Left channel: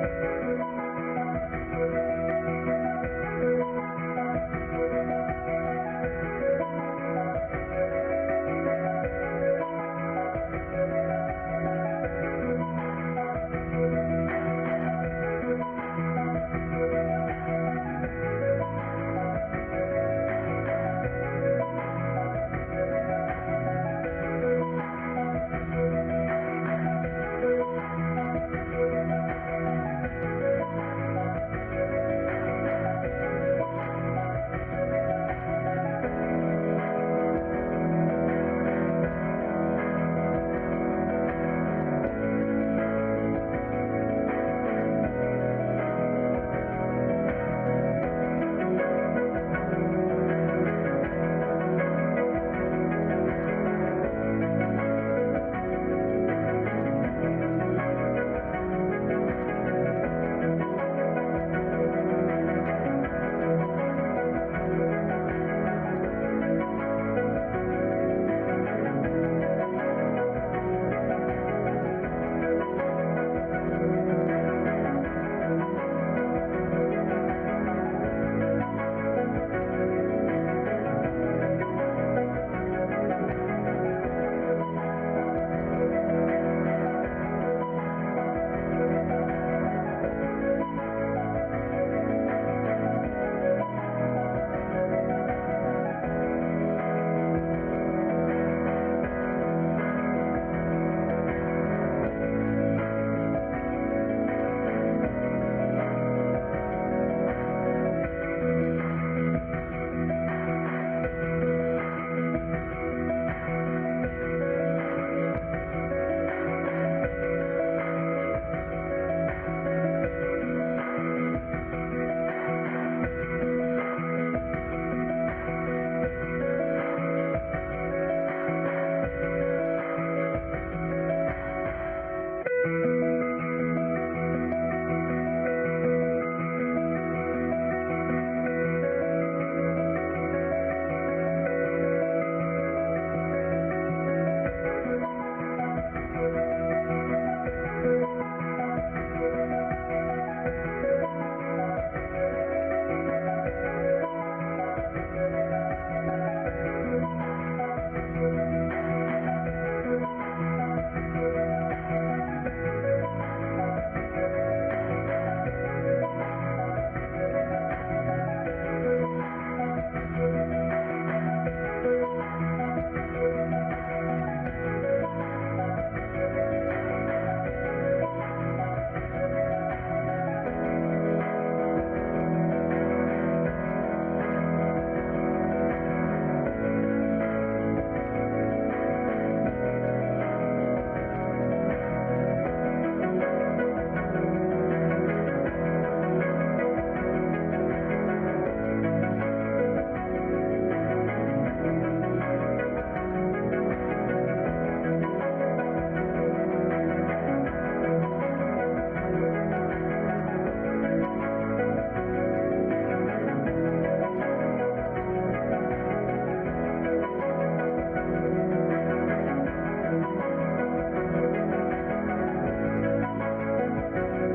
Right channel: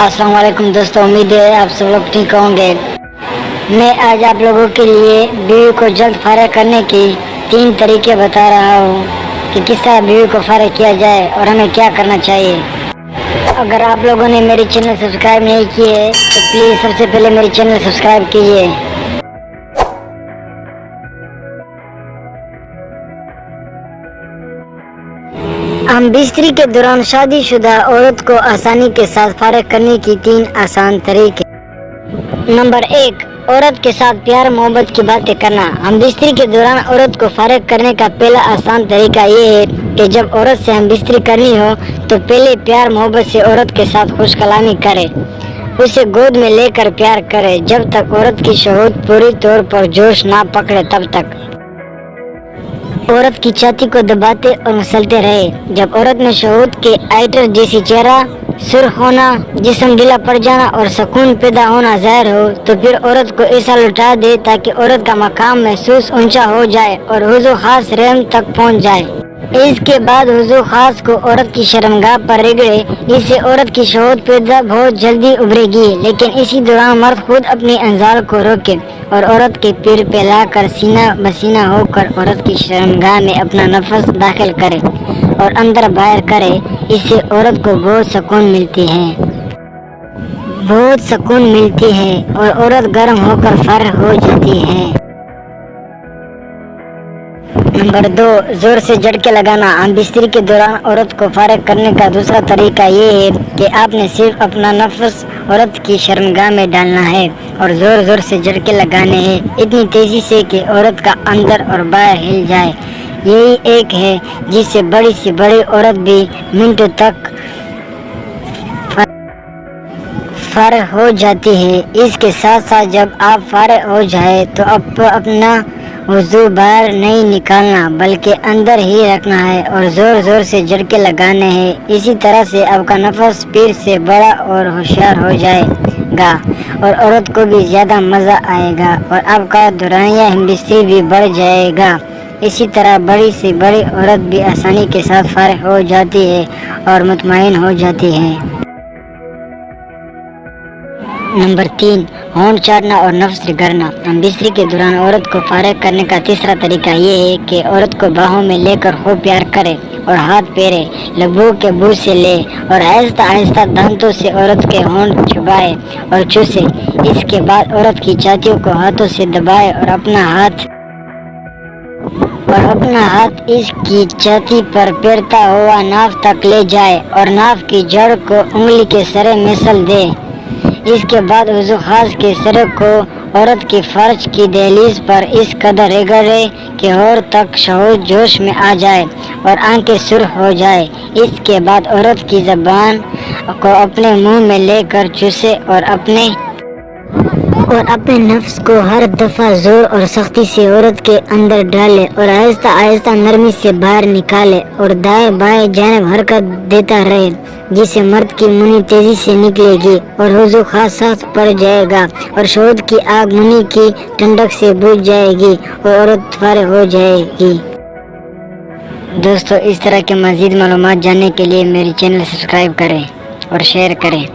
अस्सलाम वालेकुम दोस्तों, उम्मीद है आप सब लोग ठीक होंगे। मैं आज आप लोगों के लिए बीवी को जल्द फारिग करने की 3 तरीके बता रहा हूँ कि किस तरह बीवी को फारिग किया जाए और हमें क्या करना चाहिए। अगर आप लोगों ने मेरी चैनल सब्सक्राइब नहीं की है तो प्लीज़ सबसे पहले मेरी चैनल सब्सक्राइब कीजिए। हम बिस्तरी के दौरान शादीशुदा औरत को आसानी के साथ फारिग करने की 3 आसान तरीके। नंबर 1, औरत के साथ प्यार मोहब्बत की बातें करना। हम बिस्तरी के दौरान औरत को फारिग करने का पहला आसान तरीका ये है कि जब औरत से हम बिस्तरी करनी हो तो पहले प्यार मोहब्बत से औरत के साथ खुश कलामी करें, उसे गोद में लेकर प्यार करें जब तक औरत की शहूद पूरी तौर पर जोश ना पकड़े तब तक। औरत की छाती को दबाते और मसलते रहे। जब औरत में शहूद के आइटर जैसी चेहरा सुर्ख होना, जिस्म ढीला पड़ जाना और सुकून पैदा होना जाहिर हो तो फिर औरत को ऐसा लुटा दे ताकि औरत का मकाम महसूस ऊंचा हो जाए और हुजूर खास रहम तक पहुंच जाए। इसके बाद हुजूर खास को औरत की शर्मगाह पर रगड़े, इससे औरत की शहूद पैदा बहुत जल्दी उभरेगी। लेकिन इसी दौरान मर्द खुद अपनी अंजाल को रोके और औरत के पैर फैलाकर सीना बसीना होकर औरत की शर्मगाह में अपना नफस दाखिल करे और अंदर बाहर करे। इससे औरत को बहुत सुकून मिलती है और औरत गर्म होकर फारिग हो जाती है। नंबर 2, जोर से झटके लगाना। हम बिस्तरी के दौरान औरत को फारिग करने का दूसरा तरीका ये है कि आपने सिर्फ अपना नफस औरत की शर्मगाह में डालना है और जोर जोर से झटके लगाने हैं, इतनी तेजी से कि औरत का अंदर और बाहर हिल जाए। यही एक है जिससे बड़ी से बड़ी औरत भी मिनटों तक फारिग हो जाती है। इसके साथ साथ जब आप फारिग हो जाए तो अपना वजू बाहर नहीं निकालना बल्कि अंदर ही रखना है और जोर जोर से झटके लगाने हैं। इसी तरह से आपका नफस पीर से बड़ा और होशियार हो जाएगा और औरत को भी ज़्यादा मज़ा आएगा और आपका दौरानिया हिमबिस्तरी भी बढ़ जाएगा। इसी तरह बड़ी से बड़ी औरत भी आसानी के साथ फारिग हो जाती है और मुतमईन हो जाती है। नंबर 3, होंठ चाटना और नफ्स रगड़ना। हम बिस्तरी के दौरान औरत को फारिग करने का तीसरा तरीका ये है कि औरत को बाहों में लेकर खूब प्यार करे और हाथ पैरे लबों के बूझ से ले और आहिस्ता आहिस्ता दांतों से औरत के होंठ चबाए और चूसे। इसके बाद औरत की छातियों को हाथों से दबाए और अपना हाथ इसकी छाती पर पैरता हुआ नाफ तक ले जाए और नाफ की जड़ को उंगली के सरे मसल दे। इसके बाद हुजूर खास के सर को औरत की फर्ज की दहलीज पर इस कदर रगड़े कि और तक शहूद जोश में आ जाए और आंखें सुर्ख हो जाए। इसके बाद औरत की ज़बान को अपने मुंह में लेकर चूसे और अपने नफ्स को हर दफ़ा जोर और सख्ती से औरत के अंदर डाले और आहिस्ता आहिस्ता नरमी से बाहर निकाले और दाएं बाएं जानिब हरकत देता रहे, जिससे मर्द की मुनी तेजी से निकलेगी और हुजूर खास साथ पड़ जाएगा और शहूद की आग मुनी की ठंडक से बुझ जाएगी और औरत फारिग हो जाएगी। दोस्तों, इस तरह के मज़ीद मालूमात जानने के लिए मेरी चैनल सब्सक्राइब करें और शेयर करें।